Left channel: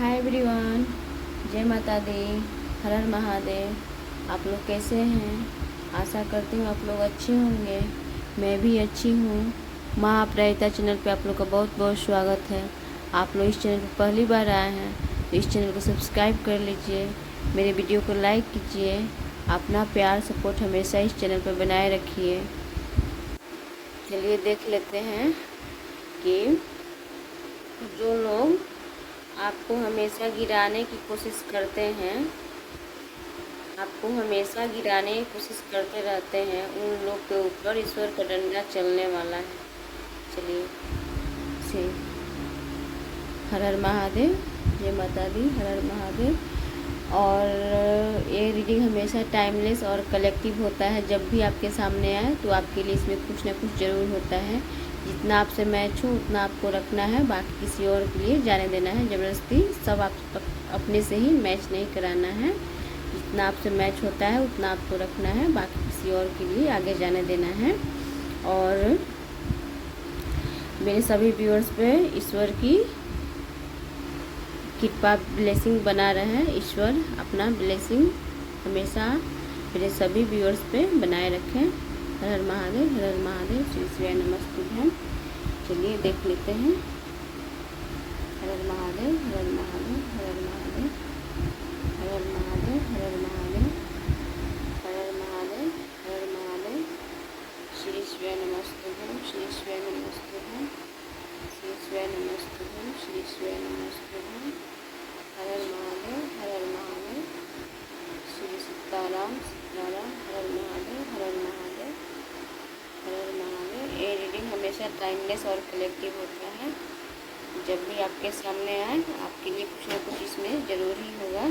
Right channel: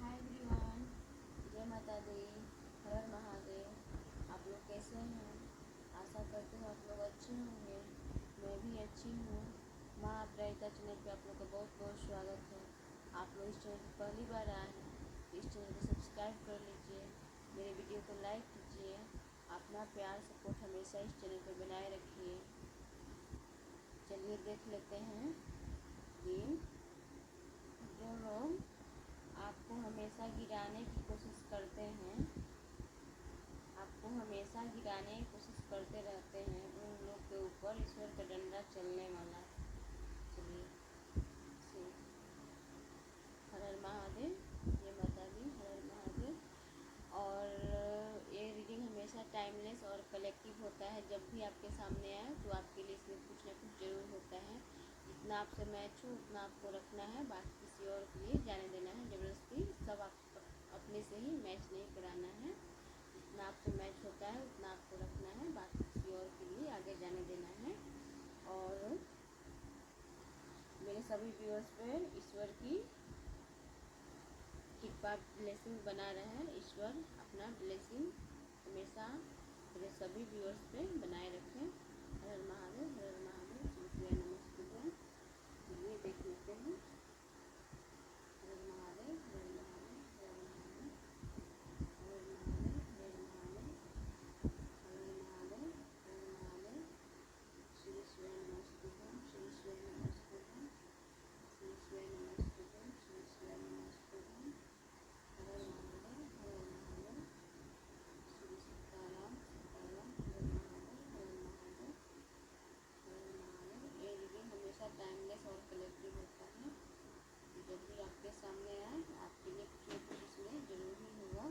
Hi everyone, जय माता दी, हर हर महादेव। आप लोग कैसे हैं? आशा करती हूँ आप लोग अच्छे होंगे। मैं भी अच्छी हूँ। माँ आप रहता चैनल पे आप लोग का बहुत बहुत स्वागत है। आप लोग इस चैनल पर पहली बार आए हैं तो इस चैनल को सब्सक्राइब कर लीजिए, मेरे वीडियो को लाइक कीजिए। अपना प्यार सपोर्ट हमेशा इस चैनल पर बनाए रखिए। चलिए देख लेते हैं कि जो लोग आपको हमेशा गिराने की कोशिश करते हैं, आपको हमेशा गिराने की कोशिश करते रहते हैं, उन लोग के ऊपर ईश्वर का डंडा चलने वाला है। चलिए से हर हर महादेव, जय माता दी, हर हर महादेव। और ये रीडिंग हमेशा टाइमलेस और कलेक्टिव होता है। जब भी आपके सामने आए तो आपके लिए इसमें कुछ ना कुछ ज़रूर होता है। जितना आपसे मैच हो उतना आपको रखना है, बाकी किसी और के लिए जाने देना है। ज़बरदस्ती सब आप अपने से ही मैच नहीं कराना है। जितना आपसे मैच होता है उतना आपको रखना है, बाकी किसी और के लिए आगे जाने देना है। और मेरे सभी व्यूअर्स पे ईश्वर की कृपा ब्लेसिंग बना रहे। ईश्वर अपना ब्लेसिंग हमेशा मेरे सभी व्यूअर्स पे बनाए रखें। हर हर महादेव, हर हर महादेव, श्री शिवाय नमस्तुभ्यम। चलिए देख लेते हैं। हर हर महादेव, हर हर महादेव, हर हर महादेव, हर हर महादेव, हर हर महादेव, हर हर महादेव, हर हर महादेव, श्री शिवाय नमस्तुभ्यम, श्री शिवाय नमस्तुभ्यम, श्री शिवाय नमस्तुभ्यम, श्री शिवाय नमस्तुभ्यम। हर हर महादेव, हर हर महादेव, श्री सीताराम सीताराम, हर हर महादेव, हर हर महादेव, हर हर महादेव। ये रीडिंग हमेशा टाइमलेस और कलेक्टिव होता है। जब भी आपके सामने आए आपके लिए कुछ ना कुछ इसमें ज़रूर ही होगा।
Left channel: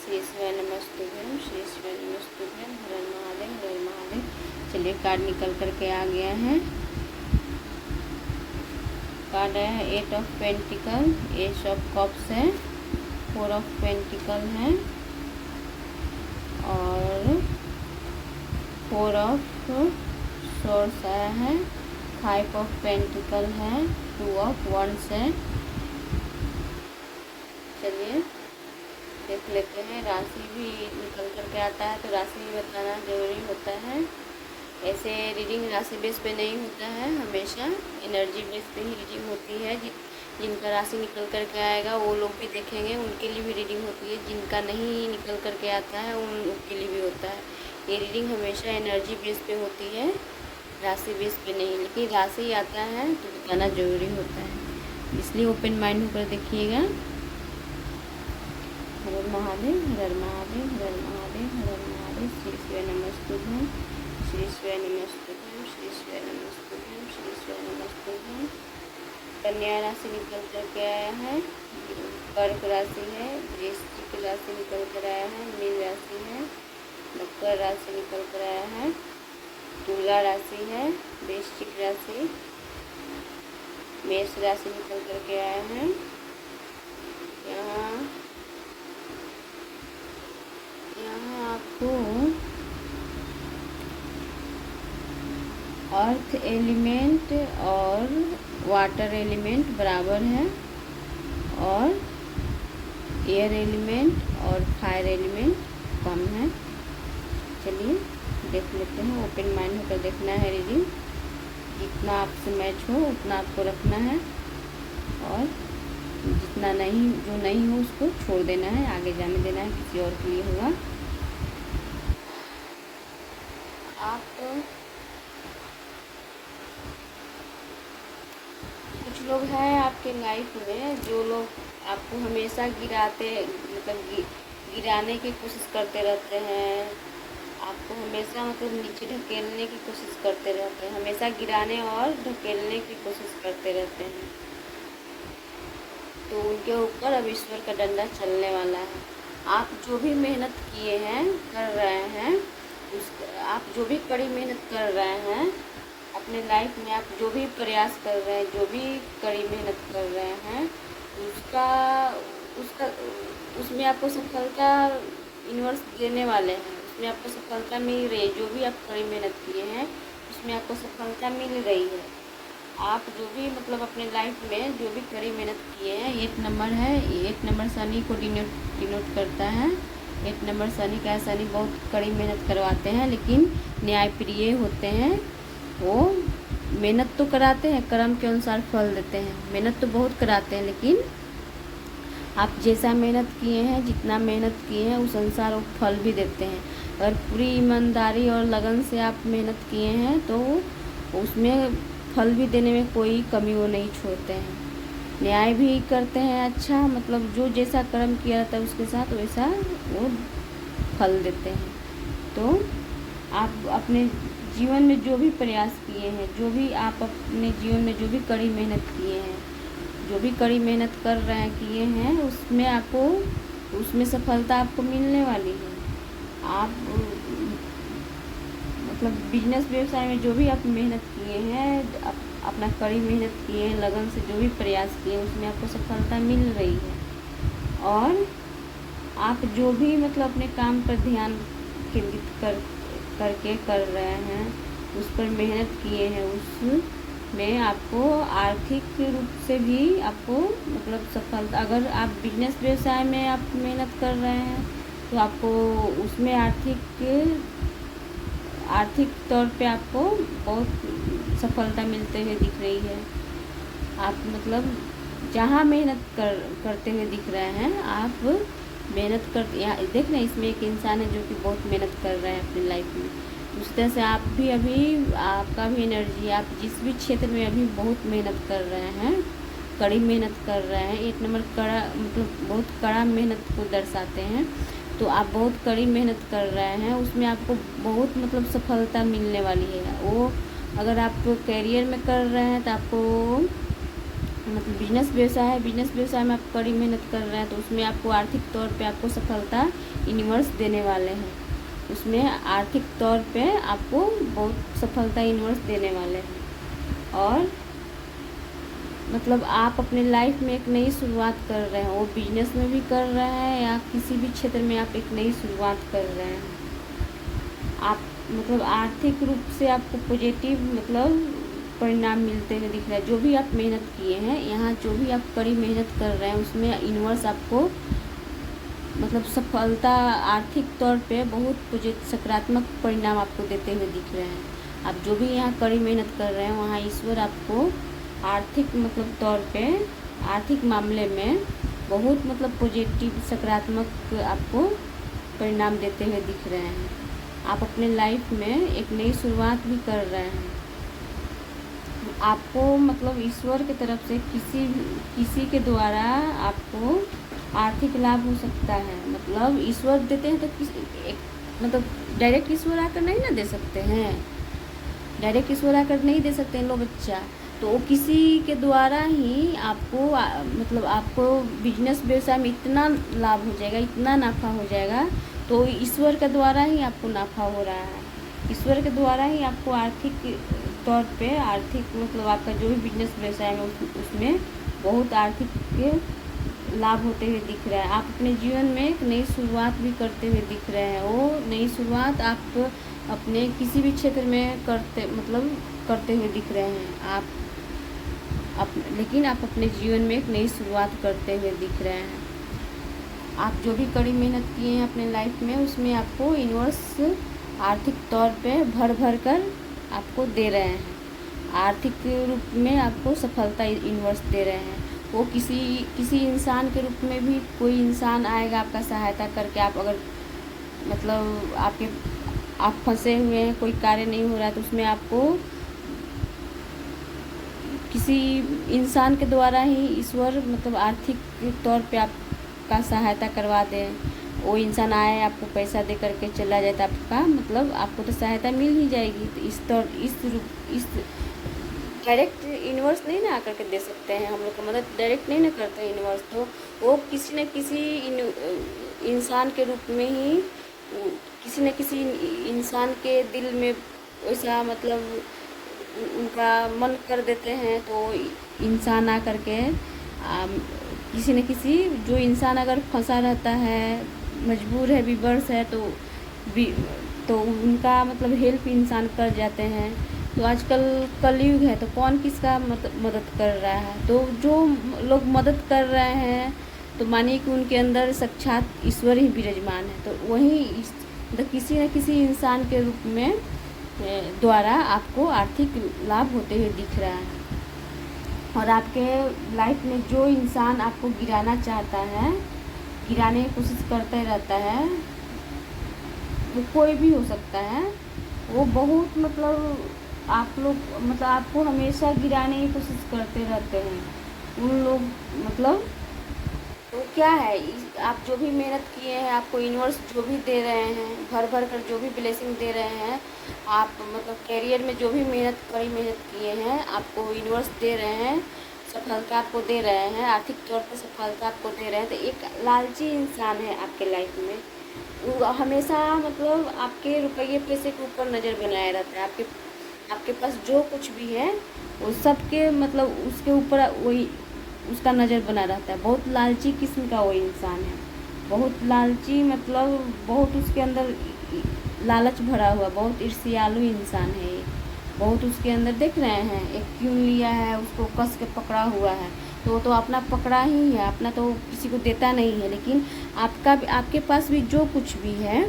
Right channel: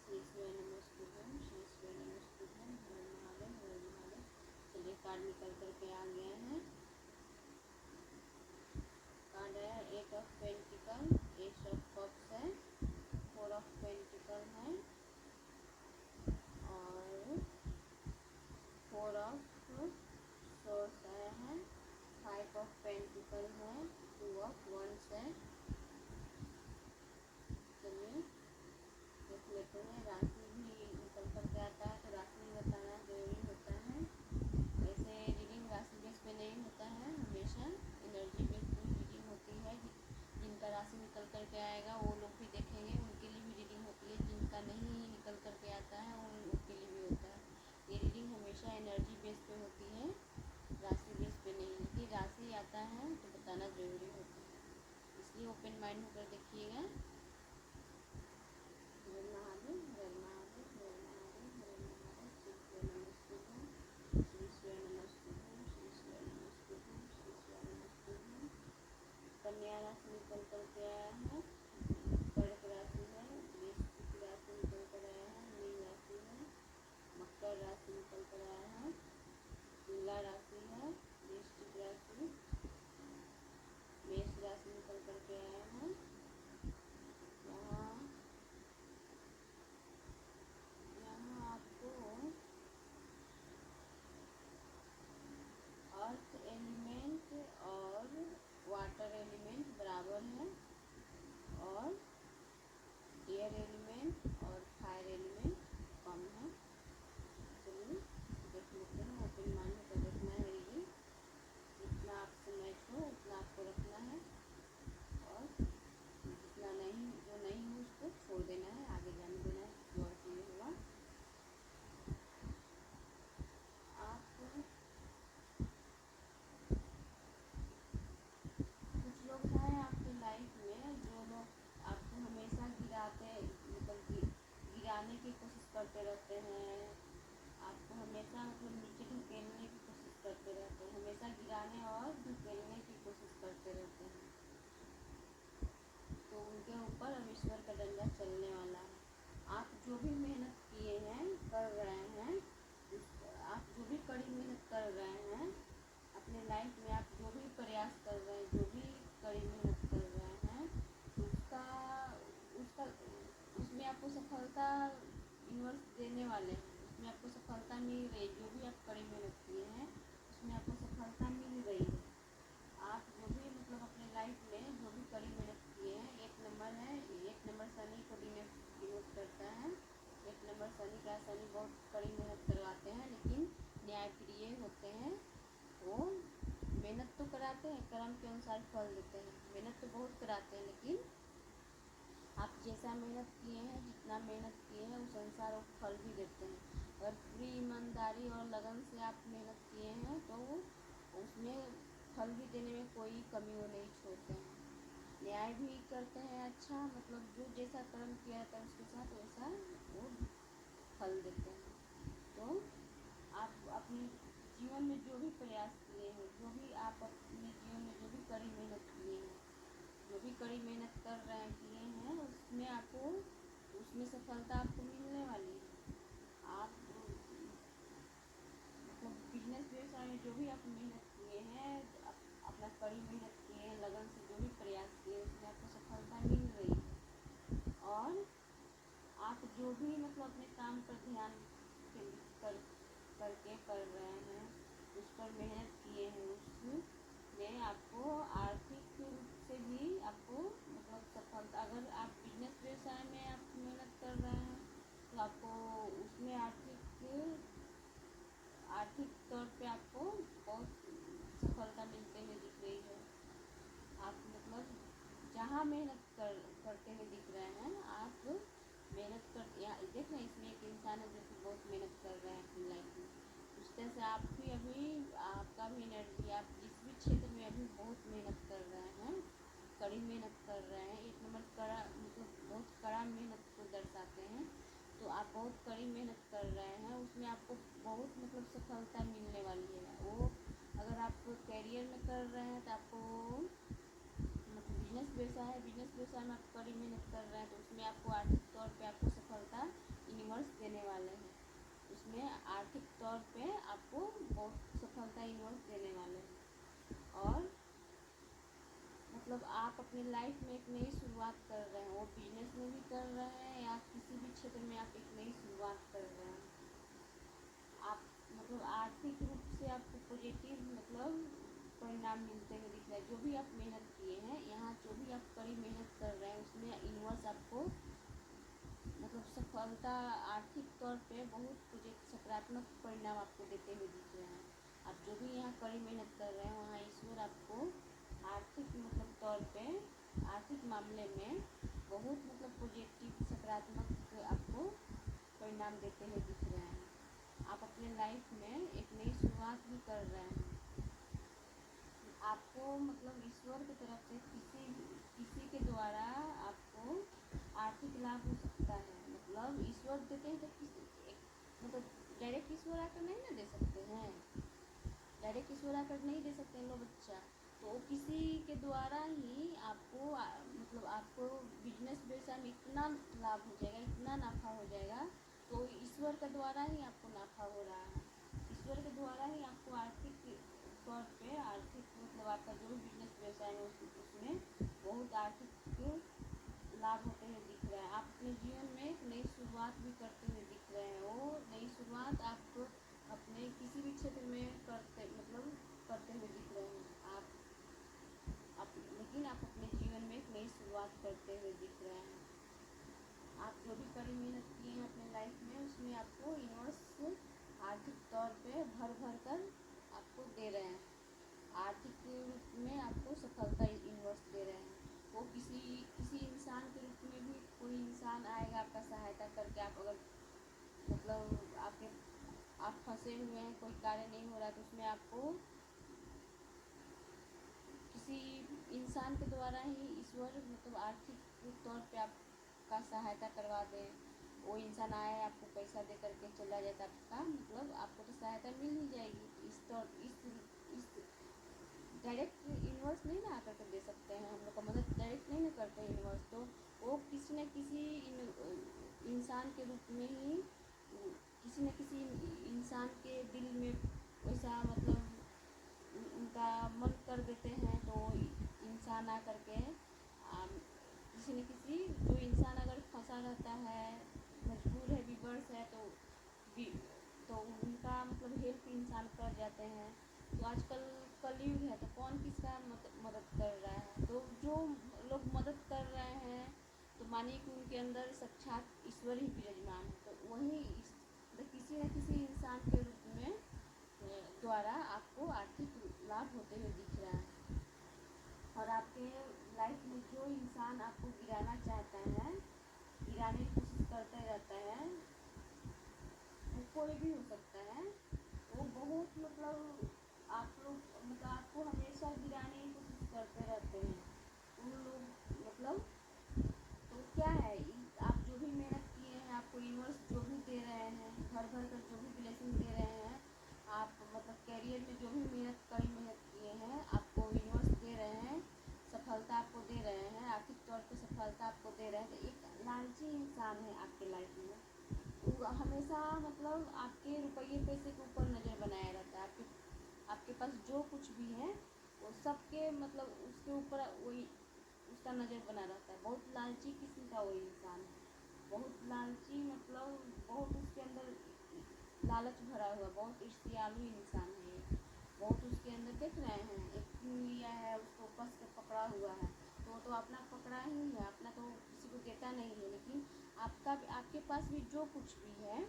श्री शिवाय नमस्तुभ्यम, श्री शिवाय नमस्तुभ्यम, हर हर महादेव, हर हर महादेव। चलिए कार्ड निकल करके आ गया है। कार्ड है 8 of pentacle, S of cups है, 4 ऑफ पेंटिकल है और 4 ऑफ सोर्स आया है, 5 ऑफ पेंटिकल है, 2 ऑफ वंड्स है। चलिए देख लेते हैं। राशि भी निकल करके आता है तो राशि भी बताना ज़रूरी होता है। ऐसे रीडिंग राशि बेस पे नहीं होता है, हमेशा एनर्जी बेस पे ही रीडिंग होती है। जिनका राशि निकल करके आएगा वो लोग भी देखेंगे, उनके लिए भी रीडिंग होती है। जिनका नहीं निकल करके आता है उनके लिए भी होता है। ये रीडिंग हमेशा एनर्जी बेस पे होती है, राशि बेस पे नहीं। लेकिन राशि आता है तो बताना ज़रूरी होता है, इसलिए ओपन माइंड होकर देखिएगा। हर हर महादेव, हर हर महादेव, हर हर महादेव, हर हर महादेव, श्री शिवाय नमस्तुभ्यम, श्री शिवाय नमस्तुभ्यम, श्री शिवाय नमस्तुभ्यम, श्री शिवाय नमस्तुभ्यम। कन्या राशि निकल करके आया है, कर्क राशि है, वृश्चिक राशि निकल कर आया है, मीन राशि है, मकर राशि निकल कर आया है, तुला राशि है, वृश्चिक राशि, मेष राशि निकल करके आया है। यहाँ आपको अर्थ एलिमेंट और वाटर एलिमेंट बराबर है और एयर एलिमेंट और फायर एलिमेंट कम है। चलिए देख लेते हैं। ओपन माइंड होकर देखना है रीडिंग। जितना आपसे मैच हो उतना आपको रखना है और जितना नहीं, जो नहीं हो उसको छोड़ देना है, आगे जाने देना है, किसी और के लिए होगा। आप कुछ लोग हैं आपके लाइफ में जो लोग आपको हमेशा गिराते, मतलब गिराने की कोशिश करते रहते हैं। आपको हमेशा मतलब नीचे ढकेलने की कोशिश करते रहते हैं, हमेशा गिराने और ढकेलने की कोशिश करते रहते हैं। तो उनके ऊपर अब ईश्वर का डंडा चलने वाला है। आप जो भी मेहनत किए हैं, कर रहे हैं, उस आप जो भी कड़ी मेहनत कर रहे हैं अपने लाइफ में, आप जो भी प्रयास कर रहे हैं, जो भी कड़ी मेहनत कर रहे हैं, उसका उसका उसमें आपको सफलता यूनिवर्स देने वाले हैं। उसमें आपको सफलता मिल रही है। जो भी आप कड़ी मेहनत किए हैं उसमें आपको सफलता मिल रही है। आप जो भी मतलब अपने लाइफ में जो भी कड़ी मेहनत किए हैं 8 नंबर है। 8 नंबर शनि को डिनोट करता है। 8 नंबर शनि का शनि बहुत कड़ी मेहनत करवाते हैं, लेकिन न्यायप्रिय होते हैं। वो मेहनत तो कराते हैं, कर्म के अनुसार फल देते हैं। मेहनत तो बहुत कराते हैं, लेकिन आप जैसा मेहनत किए हैं, जितना मेहनत किए हैं उस अनुसार वो फल भी देते हैं। अगर पूरी ईमानदारी और लगन से आप मेहनत किए हैं तो उसमें फल भी देने में कोई कमी वो नहीं छोड़ते हैं। न्याय भी करते हैं अच्छा, मतलब जो जैसा कर्म किया रहता है उसके साथ वैसा वो फल देते हैं। तो आप अपने जीवन में जो भी प्रयास किए हैं, जो भी आप अपने जीवन में जो भी कड़ी मेहनत किए हैं, जो भी कड़ी मेहनत कर रहे हैं किए हैं, उसमें सफलता आपको मिलने वाली है। आप मतलब बिजनेस व्यवसाय में जो भी आप मेहनत किए हैं, अपना कड़ी मेहनत किए हैं, लगन से जो भी प्रयास किए हैं, उसमें आपको सफलता मिल रही है। और आप जो भी मतलब अपने काम पर ध्यान केंद्रित करके कर रहे हैं, उस पर मेहनत किए हैं, उसमें आपको आर्थिक रूप से भी आपको मतलब सफलता, अगर आप बिजनेस व्यवसाय में आप मेहनत कर रहे हैं तो आपको उसमें आर्थिक तौर पे आपको बहुत सफलता मिलते हुए दिख रही है। आप मतलब जहाँ मेहनत करते हुए दिख रहे हैं, आप मेहनत कर, यहाँ देख रहे हैं इसमें एक इंसान है जो कि बहुत मेहनत कर रहा है अपनी लाइफ में। उस तरह से आप भी अभी आपका भी एनर्जी, आप जिस भी क्षेत्र में अभी बहुत मेहनत कर रहे हैं, कड़ी मेहनत कर रहे हैं। 8 नंबर कड़ा मतलब बहुत कड़ा मेहनत को दर्शाते हैं। तो आप बहुत कड़ी मेहनत कर रहे हैं, उसमें आपको बहुत मतलब सफलता मिलने वाली है। वो अगर आप करियर में कर रहे हैं तो आपको मतलब बिजनेस व्यवसाय है, बिजनेस व्यवसाय में आप कड़ी मेहनत कर रहे हैं तो उसमें आपको आर्थिक तौर पे आपको सफलता यूनिवर्स देने वाले हैं। उसमें आर्थिक तौर पे आपको बहुत सफलता यूनिवर्स देने वाले हैं। और मतलब आप अपने लाइफ में एक नई शुरुआत कर रहे हैं, वो बिजनेस में भी कर रहे हैं या किसी भी क्षेत्र में आप एक नई शुरुआत कर रहे हैं। आप मतलब आर्थिक रूप से आपको पॉजिटिव मतलब परिणाम मिलते हुए दिख रहा है। जो भी आप मेहनत किए हैं, यहाँ जो भी आप कड़ी मेहनत कर रहे हैं, उसमें यूनिवर्स आपको मतलब सफलता आर्थिक तौर पे बहुत सकारात्मक परिणाम आपको देते हुए दिख रहे हैं। आप जो भी यहाँ कड़ी मेहनत कर रहे हैं, वहाँ ईश्वर आपको आर्थिक मतलब तौर पे आर्थिक मामले में बहुत मतलब पॉजिटिव सकारात्मक आपको परिणाम देते हुए दिख रहे हैं। आप अपने लाइफ में एक नई शुरुआत भी कर रहे हैं। आपको मतलब ईश्वर की तरफ से किसी के द्वारा आपको आर्थिक लाभ हो सकता है। मतलब ईश्वर देते हैं तो मतलब डायरेक्ट ईश्वर आकर नहीं ना दे सकते हैं, डायरेक्ट ईश्वर आकर नहीं दे सकते हैं लो बच्चा। तो वो किसी के द्वारा ही आपको मतलब आपको बिजनेस व्यवसाय में इतना लाभ हो जाएगा, इतना नाफा हो जाएगा, तो ईश्वर के द्वारा ही आपको नाफा हो रहा है। ईश्वर के द्वारा ही आपको आर्थिक तौर पे आर्थिक मतलब आपका जो भी बिजनेस व्यवसाय में उसमें बहुत आर्थिक लाभ होते हुए दिख रहा है। आप अपने जीवन में एक नई शुरुआत भी करते हुए दिख रहे हैं। वो नई शुरुआत आप अपने किसी भी क्षेत्र में करते हुए दिख रहे हैं। लेकिन आप अपने जीवन में एक नई शुरुआत करते हुए दिख रहे हैं। आप जो भी कड़ी मेहनत किए हैं अपने लाइफ में, उसमें आपको यूनिवर्स आर्थिक तौर पे भर कर आपको दे रहे हैं। आर्थिक रूप में आपको सफलता यूनिवर्स दे रहे हैं। वो किसी इंसान के रूप में भी कोई इंसान आएगा आपका सहायता करके। आप अगर मतलब आप फंसे हुए हैं, कोई कार्य नहीं हो रहा है, तो उसमें आपको किसी इंसान के द्वारा ही ईश्वर मतलब आर्थिक तौर पे आपका सहायता करवा दें। वो इंसान आए, आपको पैसा दे करके चला जाए तो आपका मतलब आपको तो सहायता मिल ही जाएगी। तो इस डायरेक्ट यूनिवर्स नहीं ना आकर के दे सकते हैं, हम लोग का मदद डायरेक्ट नहीं ना करते हैं यूनिवर्स। तो वो किसी न किसी इंसान के रूप में ही किसी न किसी इंसान के दिल में वैसा मतलब उनका मन कर देते हैं। तो इंसान आकर के किसी न किसी जो इंसान अगर फंसा रहता है, मजबूर है, विवश है, तो उनका मतलब हेल्प इंसान कर जाते हैं। तो आजकल कलयुग है, तो कौन किसका मदद कर रहा है? तो जो लोग मदद कर रहे हैं तो मानिए कि उनके अंदर साक्षात ईश्वर ही विराजमान है। तो वही मतलब किसी न किसी इंसान के रूप में द्वारा आपको आर्थिक लाभ होते हुए दिख रहा है। और आपके लाइफ में जो इंसान आपको गिराना चाहता है, गिराने की कोशिश करते रहता है, वो कोई भी हो सकता है, वो बहुत मतलब आप लोग मतलब आपको हमेशा गिराने की कोशिश करते रहते हैं उन लोग। मतलब तो क्या है, आप जो भी मेहनत किए हैं, आपको यूनिवर्स जो भी दे रहे हैं, भर भर कर जो भी ब्लेसिंग दे रहे हैं, आप मतलब कैरियर में जो भी कड़ी मेहनत किए हैं, आपको यूनिवर्स दे रहे हैं, सफलता आपको दे रहे हैं, आर्थिक तौर पर सफलता आपको दे रहे हैं। तो एक लालची इंसान है आपके लाइफ में, वो हमेशा मतलब आपके रुपये पैसे के ऊपर नज़र बनाए रहता है। आपके पास जो कुछ भी है वो सबके मतलब उसके ऊपर वही उसका नज़र बना रहता है। बहुत लालची किस्म का वो इंसान है, बहुत लालची, मतलब बहुत उसके अंदर लालच भरा हुआ, बहुत ईर्ष्यालु इंसान है ये। बहुत उसके अंदर देख रहे हैं, एक क्यों लिया है, उसको कस के पकड़ा हुआ है। तो वो तो अपना पकड़ा ही है, अपना तो किसी को देता नहीं है। लेकिन आपके पास भी जो कुछ भी है,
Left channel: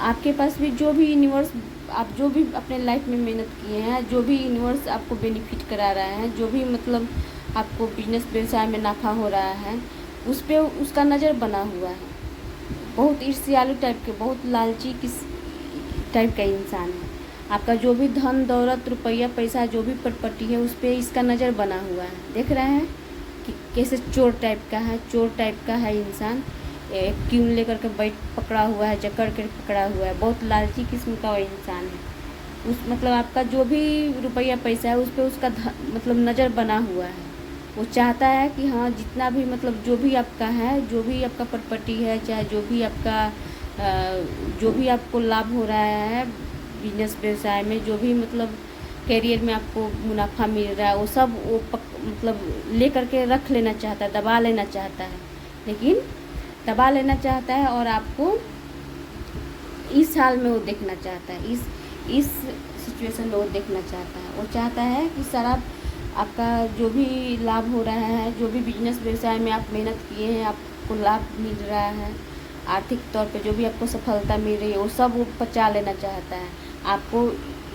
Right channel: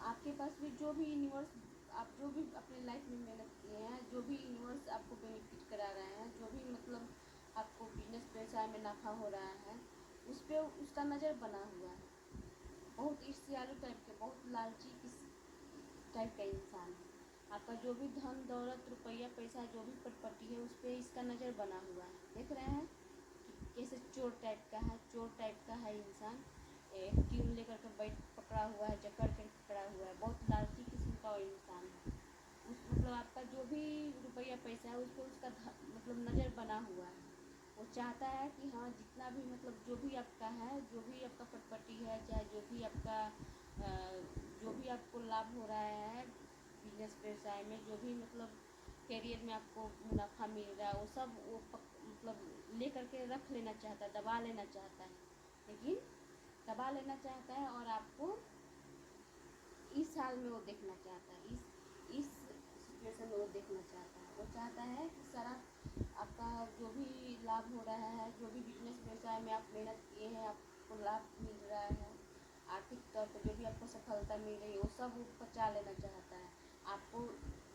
आपके पास भी जो भी यूनिवर्स, आप जो भी अपने लाइफ में मेहनत किए हैं, जो भी यूनिवर्स आपको बेनिफिट करा रहा है, जो भी मतलब आपको बिजनेस व्यवसाय में नफ़ा हो रहा है, उस पर उसका नज़र बना हुआ है। बहुत ईर्ष्यालु टाइप के, बहुत लालची किस टाइप का इंसान है। आपका जो भी धन दौलत रुपया पैसा जो भी प्रॉपर्टी है, उस पर इसका नज़र बना हुआ है। देख रहे हैं कि कैसे चोर टाइप का है, चोर टाइप का है इंसान। एक क्यों लेकर के पकड़ा हुआ है, जकड़ कर पकड़ा हुआ है। बहुत लालची किस्म का वो इंसान है। उस मतलब आपका जो भी रुपया पैसा है, उस पर उसका मतलब नज़र बना हुआ है। वो चाहता है कि हाँ, जितना भी मतलब जो भी आपका है, जो भी आपका प्रॉपर्टी है, चाहे जो भी आपका जो भी आपको लाभ हो रहा है बिजनेस व्यवसाय में, जो भी मतलब कैरियर में आपको मुनाफा मिल रहा है, वो सब वो मतलब ले करके रख लेना चाहता है, दबा लेना चाहता है। लेकिन दबा लेना चाहता है और आपको इस हाल में वो देखना चाहता है, इस सिचुएशन में वो देखना चाहता है। वो चाहता है कि सारा आपका जो भी लाभ हो रहा है, जो भी बिजनेस व्यवसाय में आप मेहनत किए हैं, आपको लाभ मिल रहा है, आर्थिक तौर पे जो भी आपको सफलता मिल रही है, वो सब वो पचा लेना चाहता है। आपको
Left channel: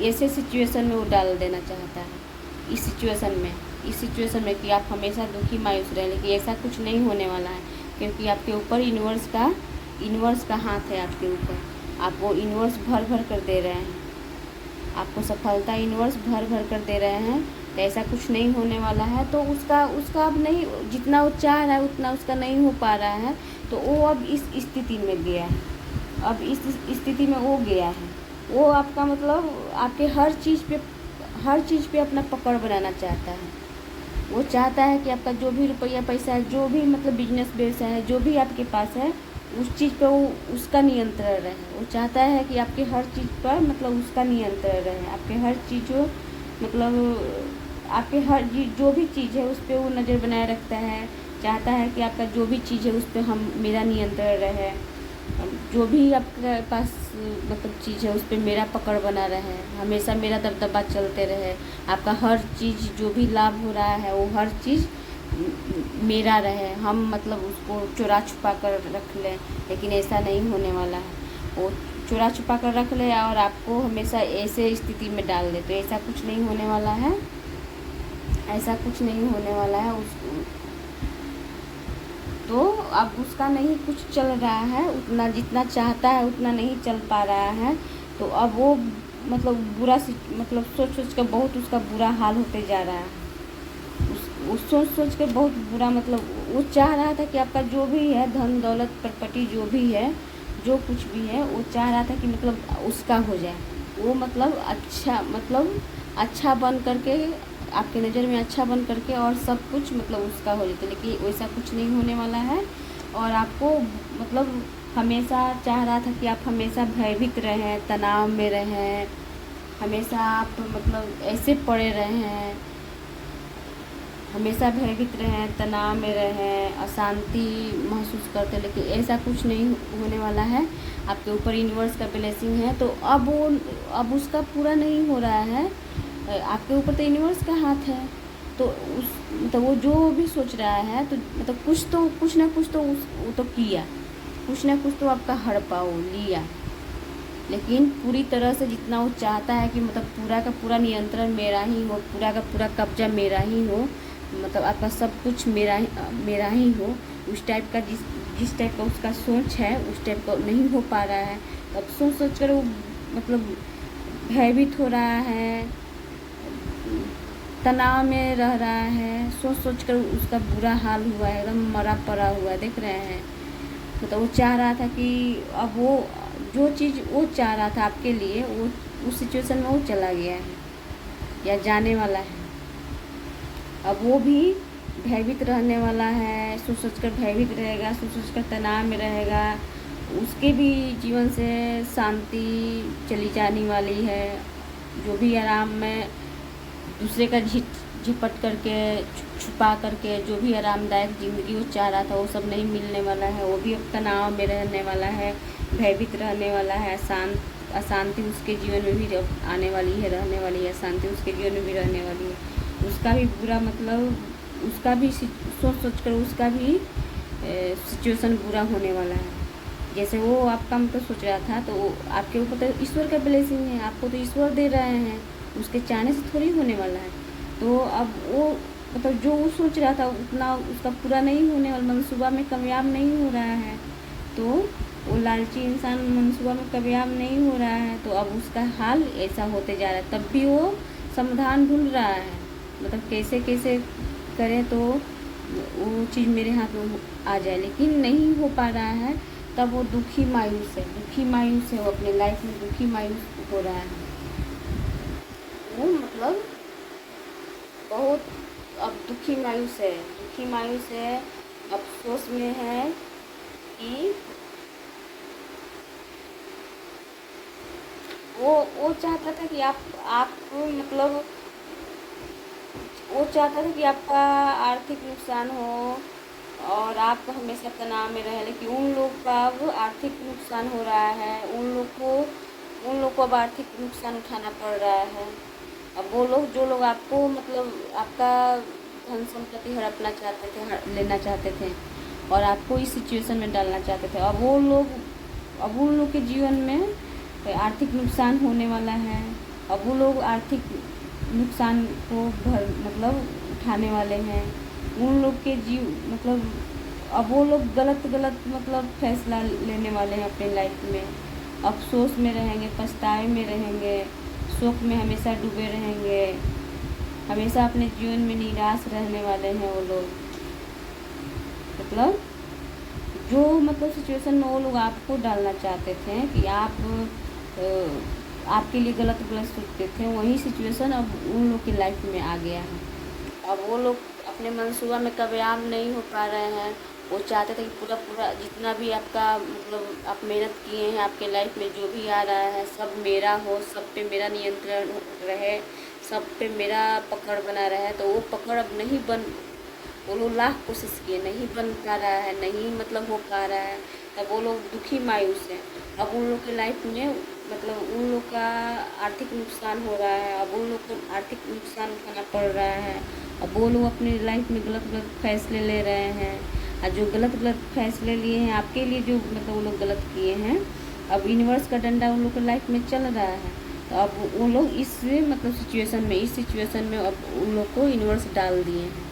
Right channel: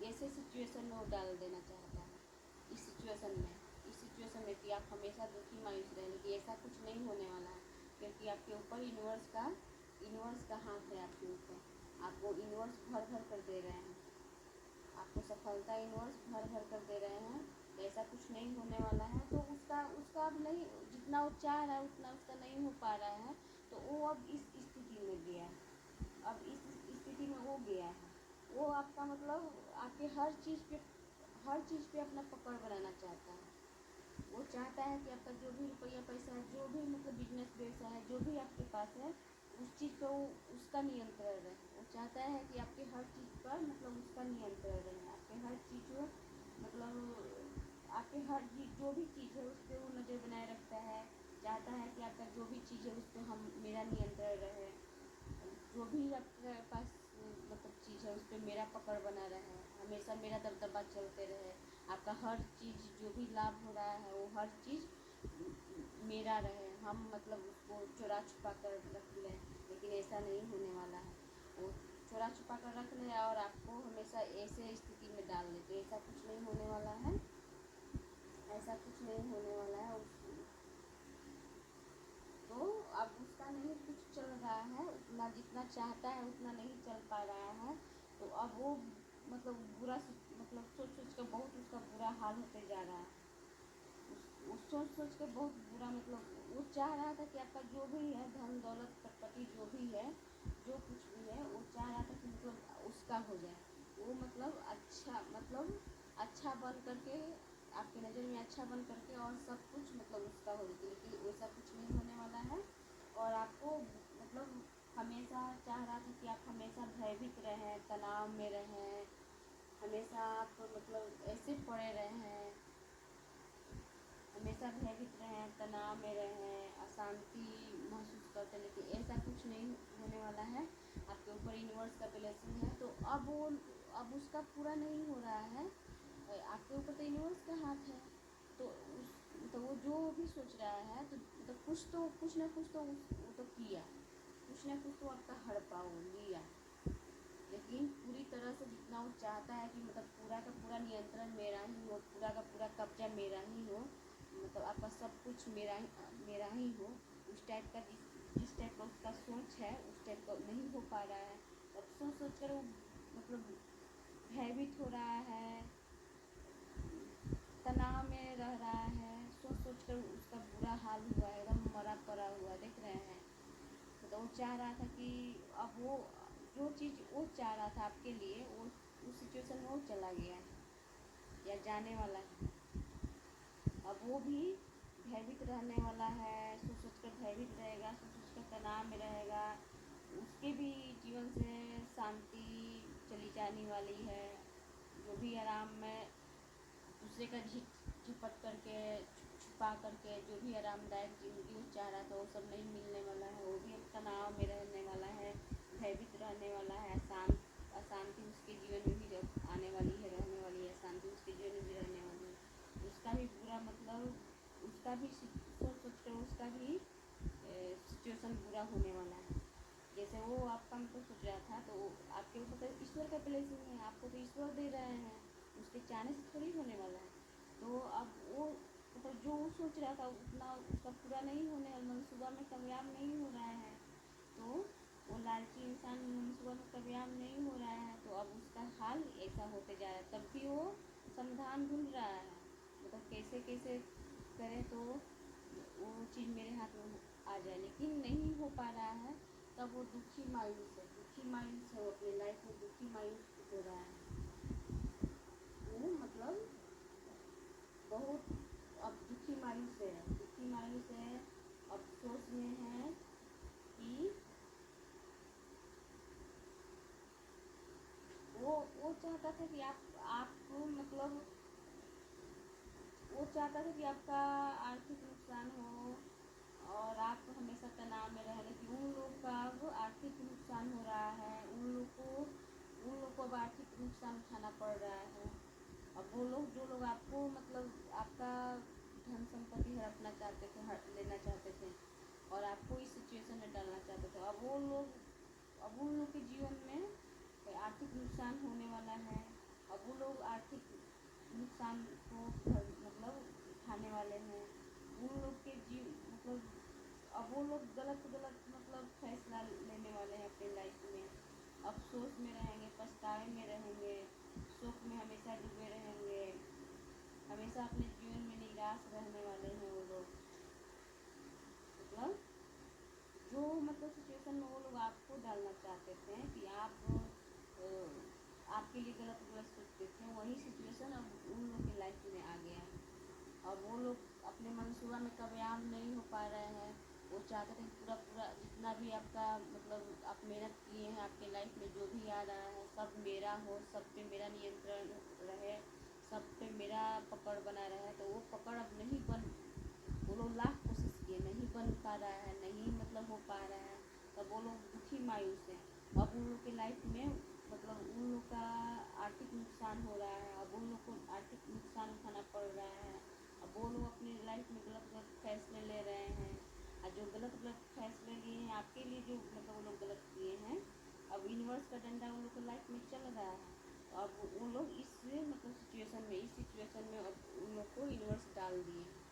ऐसे सिचुएशन में वो डाल देना चाहता है, इस सिचुएशन में कि आप हमेशा दुखी मायूस रहें। लेकिन ऐसा कुछ नहीं होने वाला है, क्योंकि आपके ऊपर यूनिवर्स का हाथ है आपके ऊपर। आपको यूनिवर्स भर भर कर दे रहे हैं, आपको सफलता यूनिवर्स भर भर कर दे रहे हैं। तो ऐसा कुछ नहीं होने वाला है। तो उसका अब नहीं, जितना वो चाह रहा है उतना उसका नहीं हो पा रहा है। तो वो अब इस स्थिति में गया है, अब इस स्थिति में वो गया है। वो आपका मतलब आपके हर चीज़ पे अपना पकड़ बनाना चाहता है। वो चाहता है कि आपका जो भी रुपया पैसा है, जो भी मतलब बिजनेस व्यवसाय है, जो भी आपके पास है, उस चीज़ पे वो उसका नियंत्रण रहे। वो चाहता है कि आपके हर चीज़ पर मतलब उसका नियंत्रण रहे। आपके हर चीज़ों मतलब आपके हर जो भी चीज़ है उस पर वो नज़र बनाए रखता है। चाहता है कि आपका जो भी चीज़ है उस पर मेरा नियंत्रण रहे। जो भी आपके पास मतलब चीज़ है उस पर मेरा पकड़ बना रहे, हमेशा मेरा दबदबा चलते रहे। आपका हर चीज़ जो भी लाभ हो रहा है, वो हर चीज़ मेरा रहे। हम मतलब उसको चुरा छुपा कर रख लें, लेकिन ऐसा नहीं होने वाला है। वो चुरा छुपा कर रख ले और आपको हमेशा ऐसे स्थिति में डाल दे। तो ऐसा कुछ नहीं होने वाला है, ऐसा कुछ नहीं होने वाला है। तो अब उसका नहीं कुछ चल रहा है, उतना जितना चाहता है उतना नहीं चल पा रहा है। तो अब वो मतलब मतलब सोच कर बहुत उसका बुरा हाल होते जा रहा है। उस सोच के बहुत बुरा, मतलब वो चाह रहा था कि आपका जो भी है धन दौलत प्रॉपर्टी जो भी है, जो कुछ भी है, वो चाह रहा था कि मतलब उसका हो जाए। वो मतलब अच्छा बन करके, आपके नज़र में अच्छा बन करके और सब कुछ मतलब उसका हो जाता। लेकिन वैसा कुछ नहीं होने वाला है। और आपको मतलब हमेशा चाह रहा था कि आप हमेशा भयभीत रहें, तनाव में रहें, हमेशा आप मतलब ऐसे पड़े रहें, हमेशा भयभीत रहें, तनाव में रहें, अशांति महसूस करते हैं, लेकिन ऐसा कुछ नहीं होने वाला है। आपके ऊपर यूनिवर्स का ब्लेसिंग है, तो अब उसका पूरा नहीं हो रहा है। आपके ऊपर तो यूनिवर्स का हाथ है, तो उस मतलब वो जो भी सोच रहा है, तो मतलब कुछ ना कुछ तो वो तो किया, कुछ ना कुछ तो आपका हड़पा वो लिया, लेकिन पूरी तरह से जितना वो चाहता है कि मतलब पूरा का पूरा नियंत्रण मेरा ही हो, पूरा का पूरा कब्जा मेरा ही हो, मतलब आपका सब कुछ मेरा ही हो, उस टाइप का जिस टाइप का उसका सोच है उस टाइप का नहीं हो पा रहा है। तो अब सोच कर वो मतलब भयभीत हो रहा है, तनाव में रह रहा है, सोच कर उसका बुरा हाल हुआ है, एकदम मरा पड़ा हुआ है, देख रहे हैं। मतलब वो चाह रहा था कि अब वो जो चीज़ वो चाह रहा था आपके लिए, वो उस सिचुएशन में वो चला गया है या जाने वाला है। अब वो भी भयभीत रहने वाला है, सोच कर भयभीत रहेगा, सोच कर तनाव में रहेगा। उसके भी जीवन से शांति चली जाने वाली है। जो भी आराम में दूसरे का झिपट करके छुपा करके जो भी आरामदायक ज़िंदगी वो चाह रहा था, वो सब नहीं मिलने वाला है। वो भी अब तनाव में रहने वाला है, भयभीत रहने वाला है। अशांति उसके जीवन में भी आने वाली है, रहने वाली है। अशांति उसके जीवन में भी रहने वाली है। उसका भी बुरा मतलब उसका भी सोच कर उसका भी सिचुएशन बुरा होने वाला है। जैसे वो आपका मतलब सोच रहा था, तो आपके ऊपर तो ईश्वर का ब्लेसिंग है, आपको तो ईश्वर दे रहे हैं, उसके चाहने से थोड़ी होने वाला है। तो अब वो मतलब जो वो सोच रहा था उतना उसका पूरा नहीं होने वाला, मनसूबा में कामयाब नहीं हो रहा है। तो वो लालची इंसान मनसूबा में कामयाब नहीं हो रहा है, तो अब उसका हाल ऐसा होते जा रहा है। तब भी वो समाधान ढूंढ रहा है, मतलब कैसे कैसे करें तो वो चीज़ मेरे हाथ में आ जाए, लेकिन नहीं हो पा रहा है। तब वो दुखी मायूस है, वो अपने लाइफ में दुखी मायूस हो रहा है। वो मतलब बहुत अब दुखी मायूस है, अफसोस में है कि वो चाहता था कि आप मतलब वो चाहता था कि आपका आर्थिक नुकसान हो और आप हमेशा तनाव में रहे, लेकिन उन लोग का अब आर्थिक नुकसान हो रहा है। उन लोग को अब आर्थिक नुकसान उठाना पड़ रहा है। अब वो लोग जो लोग आपको मतलब आपका धन संपत्ति हड़पना चाहते थे, लेना चाहते थे और आपको इस सिचुएशन में डालना चाहते थे, अब उन लोग के जीवन में आर्थिक नुकसान होने वाला है। अब वो लोग आर्थिक नुकसान को मतलब उठाने वाले हैं। उन लोग के मतलब अब वो लोग गलत मतलब फैसला लेने वाले हैं अपने लाइफ में। अफसोस में रहेंगे, पछतावे में रहेंगे, शोक में हमेशा डूबे रहेंगे, हमेशा अपने जीवन में निराश रहने वाले हैं वो लोग। मतलब जो मतलब सिचुएशन में वो लोग आपको डालना चाहते थे कि आपके लिए गलत सोचते थे, वही सिचुएशन अब उन लोग की लाइफ में आ गया है। अब वो लोग अपने मनसूबा में कामयाब नहीं हो पा रहे हैं। वो चाहते थे कि पूरा जितना भी आपका मतलब आप मेहनत किए हैं, आपके लाइफ में जो भी आ रहा है सब मेरा हो, सब पे मेरा नियंत्रण रहे, सब पे मेरा पकड़ बना रहे। तो वो पकड़ अब नहीं वो लोग लाख कोशिश किए, नहीं बन पा रहा है, नहीं मतलब हो पा रहा है। तब वो लोग दुखी मायूस हैं। अब उन लोग के लाइफ में मतलब उन लोग का आर्थिक नुकसान हो रहा है, अब उन लोग को आर्थिक नुकसान उठाना पड़ रहा है। अब वो लोग अपनी लाइफ में गलत फैसले ले रहे हैं, और जो गलत फैसले लिए हैं आपके लिए, जो मतलब वो लोग गलत किए हैं, अब यूनिवर्स का डंडा उन लोग के लाइफ में चल रहा है। तो अब वो लोग इस मतलब इस सिचुएशन में अब उन लोग को यूनिवर्स डाल दिए हैं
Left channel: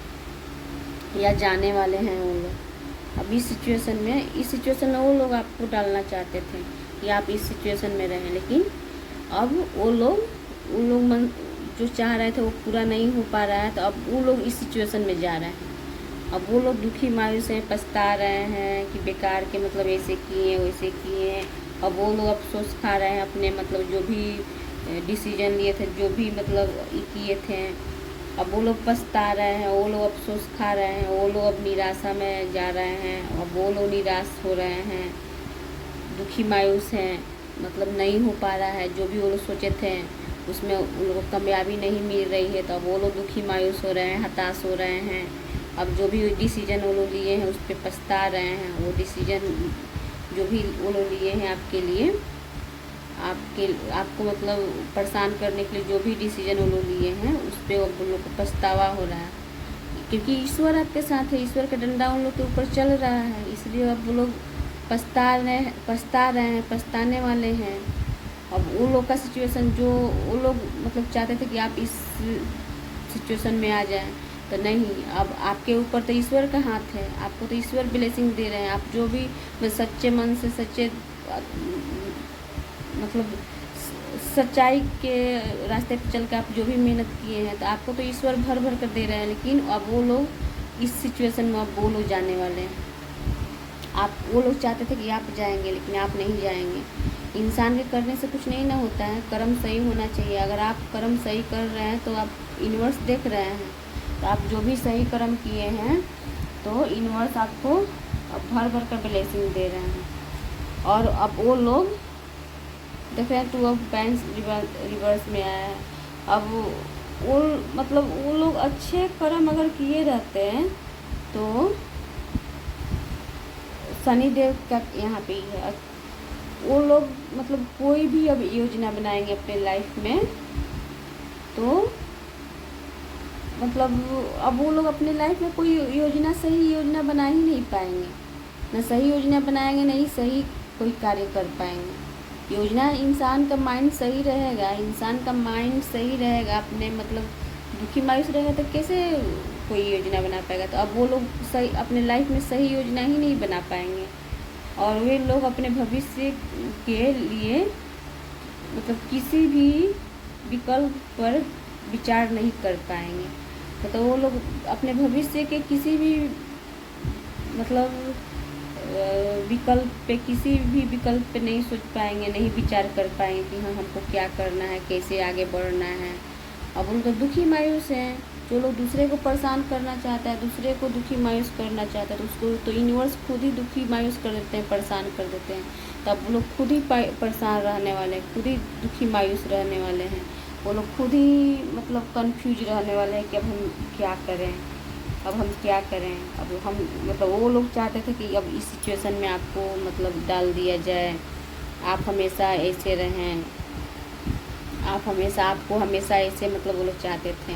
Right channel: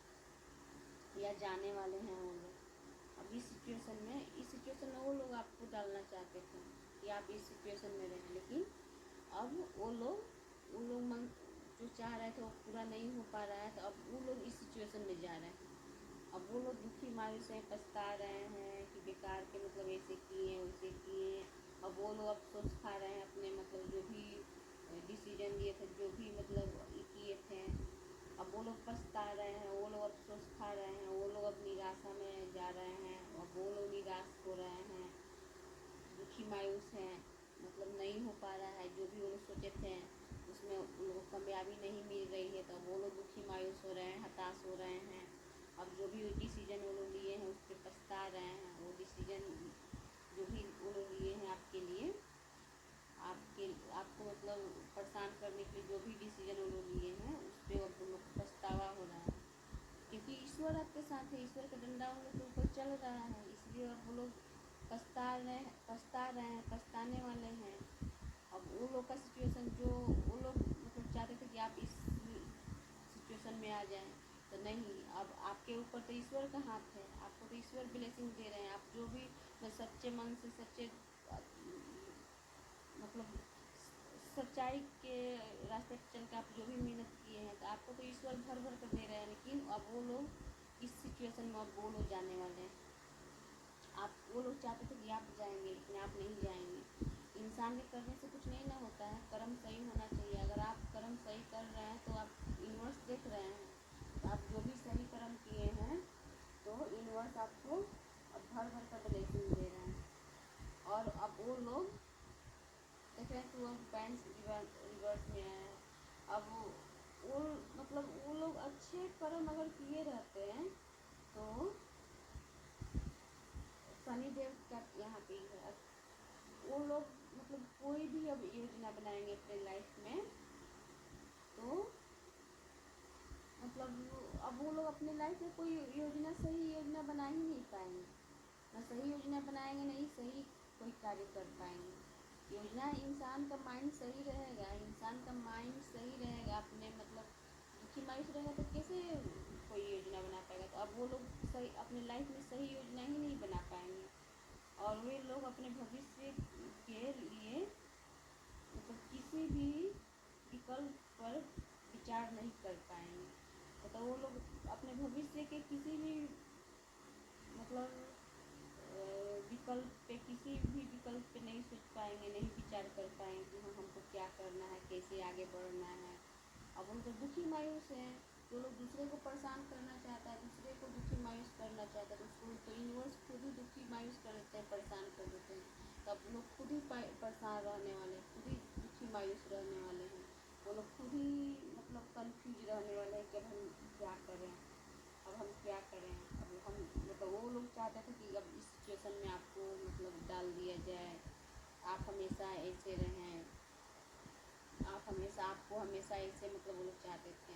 या जाने वाले हैं वो लोग। अब इस सिचुएशन में वो लोग आपको डालना चाहते थे कि आप इस सिचुएशन में रहें, लेकिन अब उन लोग मन जो चाह रहे थे वो पूरा नहीं हो पा रहा है। तो अब वो लोग इस सिचुएशन में जा रहे हैं। अब वो लोग दुखी मायूस हैं, पछता रहे हैं कि बेकार के मतलब ऐसे किए वैसे किए। अब वो लोग अफसोस खा रहे हैं अपने मतलब जो भी डिसीजन लिए थे, जो भी मतलब किए थे। अब वो लोग पछता रहे हैं, वो लोग अफसोस खा रहे हैं, वो लोग अब निराशा में जा रहे हैं। अब वो लोग निराश हो रहे हैं, दुखी मायूस हैं, मतलब नहीं हो पा रहा है जो भी वो लोग सोचे थे उसमें उन लोगों को कामयाबी नहीं मिल रही है, तो अब वो लोग दुखी मायूस हो रहे हैं, हताश हो रहे हैं। अब जो भी डिसीजन वो लोग लिए हैं उस पर पछता रहे हैं। वो डिसीजन जो भी वो लोग लिए हैं आपके लिए, आपको मतलब परेशान करने के लिए जो भी डिसीजन वो लोग लिए हैं उस पर अब उन लोग को पछतावा हो रहा है, क्योंकि ईश्वर आपके साथ है, ईश्वर का डंडा उन लोग के ऊपर चल रहा है। इसलिए अब वो लोग पछता रहे हैं, पछताने वाले हैं। अब उन लोग का सिचुएशन जो वो लोग मतलब चाहते थे कि आप इस सिचुएशन में आ जाएं, तो नहीं, अब आपके ऊपर तो ईश्वर का हाथ है, आपको तो ईश्वर ब्लेसिंग दे रहे हैं। आप जो भी सच्चे मन से, सच्चे मतलब सच्चाई के रास्ते पर चल के आप जो भी मेहनत किए हैं, तो आपको तो ईश्वर भर भर कर दे रहे हैं। लेकिन अब वो लोग इस सिचुएशन में अब वो लोग जाने वाले हैं। वो लोग चाहते थे कि आप जाएंगे, लेकिन आप नहीं जाएंगे। इंसान के करने से कुछ नहीं ना होता है, कर्म सही होना चाहिए। अगर आप कर्म सही कर रहे हैं तो आप यूनिवर्स देख रहे हैं, तो आप जो भी सही कर्म किए हैं तो यूनिवर्स आपको अब भर भर कर ब्लेसिंग दे रहे हैं। और अब वो लोग देख रहे हैं 2 ऑफ पेंस रिवर्स में आया है। अब वो मतलब वो लोग अच्छे कर्म अगर किए रहते हैं तो शनि देव का यहाँ पे ही है। वो लोग मतलब कोई भी अब योजना बनाएंगे अपने लाइफ में, तो मतलब अब वो लोग अपने लाइफ में कोई योजना, सही योजना बना ही नहीं पाएंगे। ना सही योजना बनाएंगे, नहीं सही कोई कार्य कर पाएंगे। योजना, इंसान का माइंड सही रहेगा, इंसान का माइंड सही रहेगा, अपने मतलब दुखी मायूस रहेगा तो कैसे कोई योजना बना पाएगा। तो अब वो लोग सही अपने लाइफ में सही योजना ही नहीं बना पाएंगे, और वे लोग अपने भविष्य के लिए मतलब किसी भी विकल्प पर विचार नहीं कर पाएंगे। तो वो लोग अपने भविष्य के किसी भी मतलब विकल्प पे नहीं सोच पाएंगे, नहीं विचार कर पाएंगे कि हाँ हमको क्या करना है, कैसे आगे बढ़ना है। अब उनको दुखी मायूस हैं। जो लोग दूसरे को परेशान करना चाहता है, दूसरे को दुखी मायूस करना चाहता है, तो उसको तो यूनिवर्स खुद ही दुखी मायूस कर देते हैं, परेशान कर देते हैं। तब वो लोग खुद ही परेशान रहने वाले हैं, खुद ही दुखी मायूस रहने वाले हैं। वो लोग खुद ही मतलब कंफ्यूज रहने वाले हैं कि अब हम क्या करें, अब हम क्या करें। अब हम मतलब वो लोग चाहते थे कि अब इस सिचुएशन में आपको मतलब डाल दिया जाए, आप हमेशा ऐसे रहें, आपको हमेशा ऐसे मतलब वो लोग चाहते थे,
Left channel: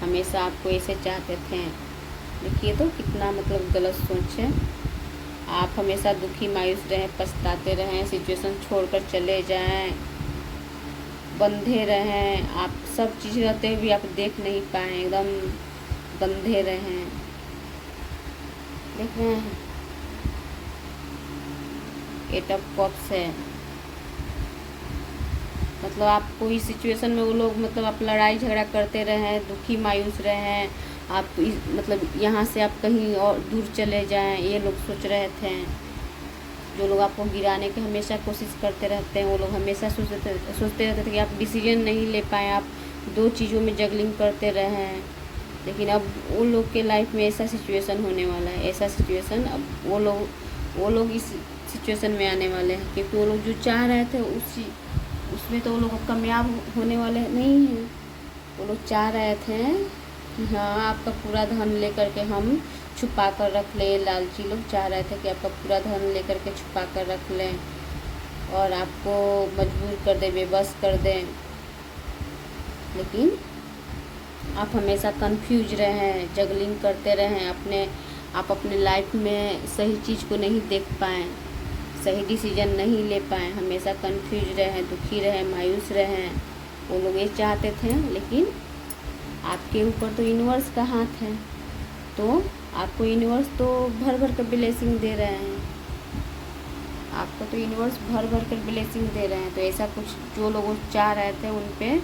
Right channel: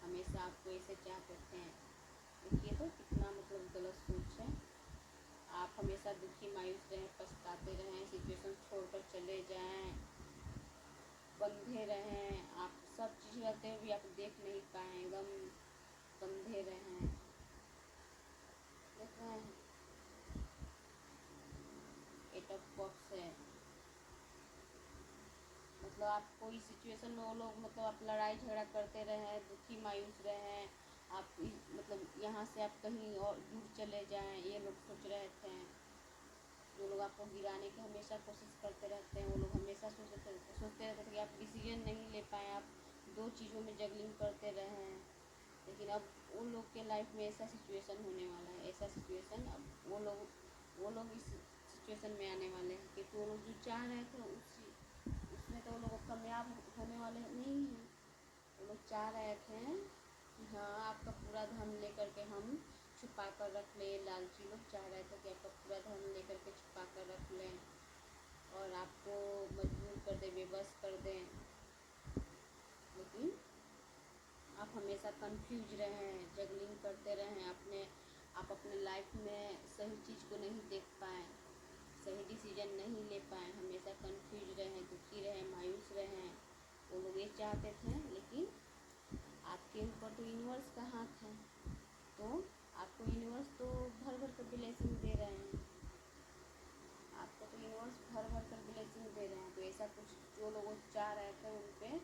हमेशा आपको ऐसे चाहते थे। देखिए तो कितना मतलब गलत सोच है। आप हमेशा दुखी मायूस रहें, पछताते रहें, सिचुएशन छोड़कर चले जाएं, बंधे रहें। आप सब चीज़ रहते हुए भी आप देख नहीं पाएँ, एकदम बंधे रहें। देख रहे हैं 8 ऑफ कप्स है। मतलब आपको इस सिचुएशन में वो लोग मतलब आप लड़ाई झगड़ा करते रहें, दुखी मायूस रहें, आप मतलब यहाँ से आप कहीं और दूर चले जाएं, ये लोग सोच रहे थे। जो लोग आपको गिराने की हमेशा कोशिश करते रहते हैं, वो लोग हमेशा सोचते रहते थे कि आप डिसीजन नहीं ले पाएँ, आप 2 चीज़ों में जगलिंग करते रहें। लेकिन अब वो लोग के लाइफ में ऐसा सिचुएशन होने वाला है, ऐसा सिचुएशन अब वो लोग इस सिचुएशन में आने वाले हैं, क्योंकि वो लोग जो चाह रहे थे उसमें तो वो लोग कामयाब होने वाले नहीं हैं। वो लोग चाह रहे थे कि हाँ आपका पूरा धन लेकर के हम छुपा कर रख लें। लालची लोग चाह रहे थे कि आपका पूरा धन लेकर के छुपा कर रख लें और आपको मजबूर कर दें, बेबस कर दें। लेकिन आप हमेशा कंफ्यूज रहें, जगलिंग करते रहें, आप अपने लाइफ में सही चीज़ को नहीं देख पाएँ, सही डिसीजन नहीं ले पाएँ, हमेशा कंफ्यूज रहें, दुखी रहें, मायूस रहें। वो लोग ये चाहते थे। लेकिन आपके ऊपर तो यूनिवर्स का हाथ है, तो आपको यूनिवर्स तो भर भर कर ब्लेसिंग दे रहे हैं, आपको तो यूनिवर्स भर भर कर ब्लेसिंग दे रहे हैं। तो ऐसा कुछ जो लोग चाह रहे थे उन पे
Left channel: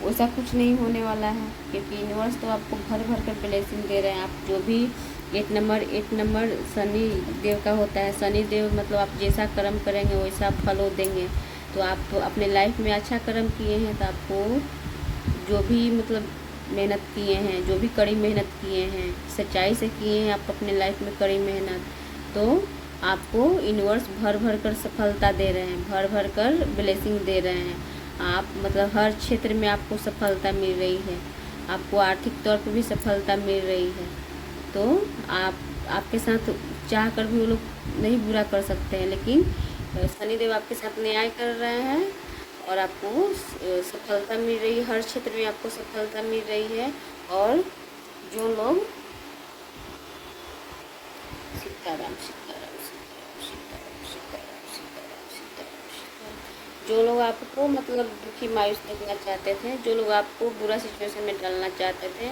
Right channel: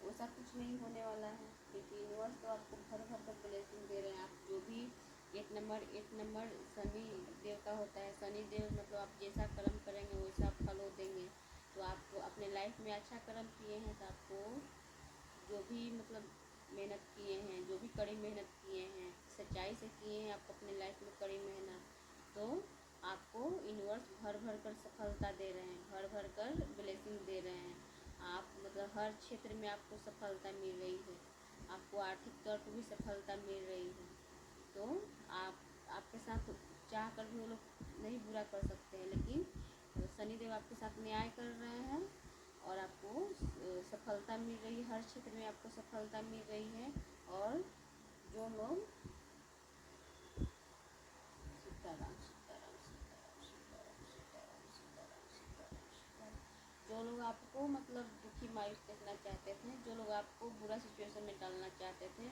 वैसा कुछ नहीं होने वाला है, क्योंकि यूनिवर्स तो आपको भर भर कर ब्लेसिंग दे रहे हैं। आप जो भी 8 नंबर शनि देव का होता है। शनि देव मतलब आप जैसा कर्म करेंगे वैसा फल वो देंगे। तो आप तो अपने लाइफ में अच्छा कर्म किए हैं, तो आपको जो भी मतलब मेहनत किए हैं, जो भी कड़ी मेहनत किए हैं, सच्चाई से किए हैं आप अपने लाइफ में कड़ी मेहनत, तो आपको यूनिवर्स भर भर कर सफलता दे रहे हैं, भर भर कर ब्लेसिंग दे रहे हैं। आप मतलब हर क्षेत्र में आपको सफलता मिल रही है, आपको आर्थिक तौर पर भी सफलता मिल रही है। तो आपके साथ चाह कर भी वो लोग नहीं बुरा कर सकते हैं, लेकिन शनिदेव आपके साथ न्याय कर रहे हैं और आपको सफलता मिल रही है, हर क्षेत्र में आपको सफलता मिल रही है। और जो लोग सीताराम सीताराम सीताराम सीताराम सीताराम सीताराम सीताराम सीताराम, जो लोग आपको मतलब दुखी मायूस देखना चाहते थे, जो लोग आपको बुरा सिचुएशन में डालना चाहते थे,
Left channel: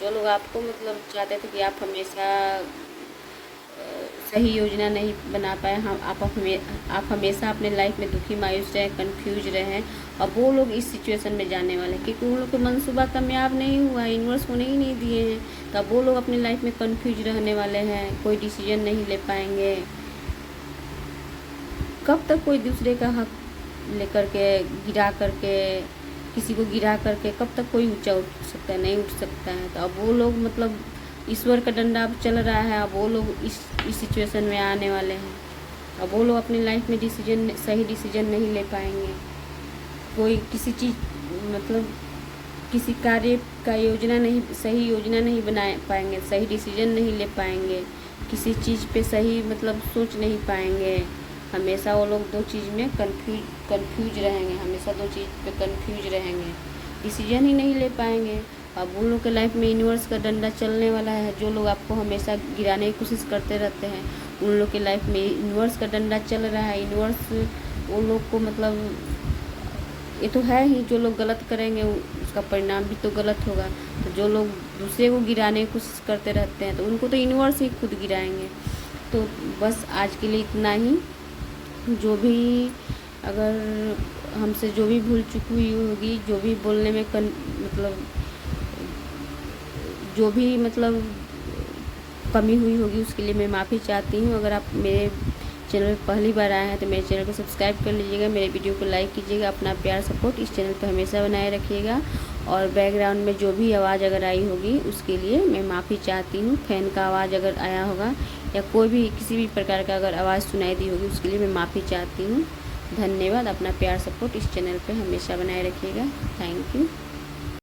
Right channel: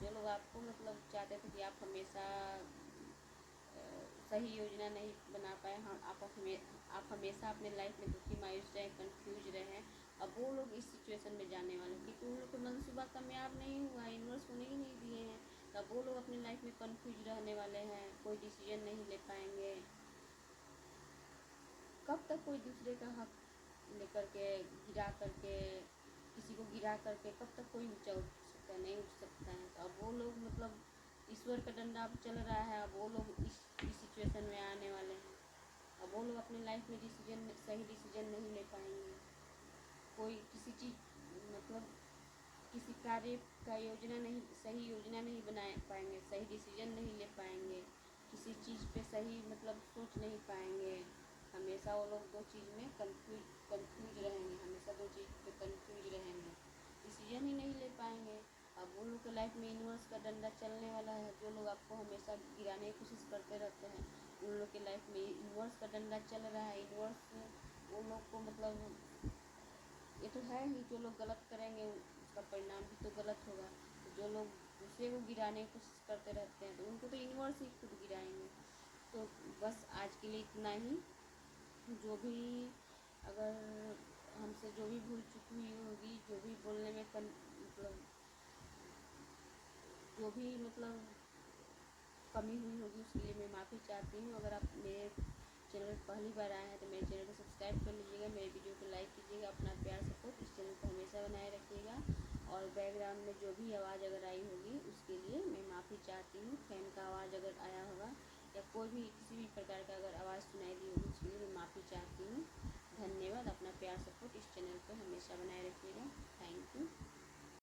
जो लोग आपको मतलब चाहते थे कि आप हमेशा सही योजना नहीं बना पाए, हम आप हमेशा अपने लाइफ में दुखी मायूस रहे, कंफ्यूज रहे, अब वो लोग इस सिचुएशन में जाने वाले हैं, क्योंकि उन लोग का मंसूबा कामयाब नहीं हुआ है, यूनिवर्स होने ही नहीं दिए हैं। तो अब वो लोग अपनी लाइफ में कंफ्यूज रहने वाले हैं, कोई डिसीजन नहीं ले पाएंगे। कब तक कोई दूसरे का हक लेकर के गिरा करके, किसी को गिरा करके कब तक कोई ऊंचा उठ सकता है? नहीं उठ सकता है। तो अब वो लोग मतलब ईश्वर का डंडा अब चल रहा है, अब वो लोग इस सिचुएशन में आने वाले हैं। अब वो लोग अपनी लाइफ में सही डिसीजन नहीं ले पाएंगे, कोई किसी चीज़ मतलब किसी कार्य का सही योजना नहीं बना पाएंगे, सही डिसीजन नहीं ले पाएंगे, किसी चीज़ पे सही मतलब सोच नहीं पाएंगे। हमेशा वो लोग दो चीज़ में कंफ्यूज रहेंगे, हमेशा दो चीज़ पे कंफ्यूज रहेंगे, डिसीजन ही नहीं ले पाएंगे। अब उन लोग के लाइफ में यूनिवर्स का डंडा चलने वाला है। जो लोग आपको हमेशा गिराने की कोशिश करते रहते हैं, उन लोग के लाइफ में यूनिवर्स का डंडा चल रहा है। यूनिवर्स उन लोग को मतलब ये तो है ही, जो लोग गलत करेंगे उसका परिणाम भी तो गलत होगा। तो जो लोग दूसरे को गिराने की कोशिश करते रहते हैं, तो उनको तो यूनिवर्स ही खुद गिराएंगे। तो बस आज के लिए इतना ही। जो भी अगर हमसे जो भी भूल चूक हुई होगी, जो भी बोलने में जो भी मतलब कमी हुई होगी, उसके लिए मैं माफ़ी चाहती हूँ। अगर आप मेरे चैनल पर पहली बार आए हैं तो मेरे चैनल को सब्सक्राइब कर लीजिएगा, मेरे वीडियो को लाइक कीजिएगा, अपना प्यार सपोर्ट इस चैनल पर हमेशा बनाए रखिएगा। और बैकग्राउंड में जो भी आवाज़ अगर आई होगी उसके लिए मैं माफ़ी चाहती हूँ। फ़ैन का आवाज़ अगर आया होगा या कोई भी किसी भी प्रकार का अगर आवाज़ सुनाई दी होगी उसके लिए मैं माफ़ी चाहती हूँ। धन्यवाद। अपना प्यार सपोर्ट इस चैनल पर हमेशा बनाए रखिएगा। Thank you.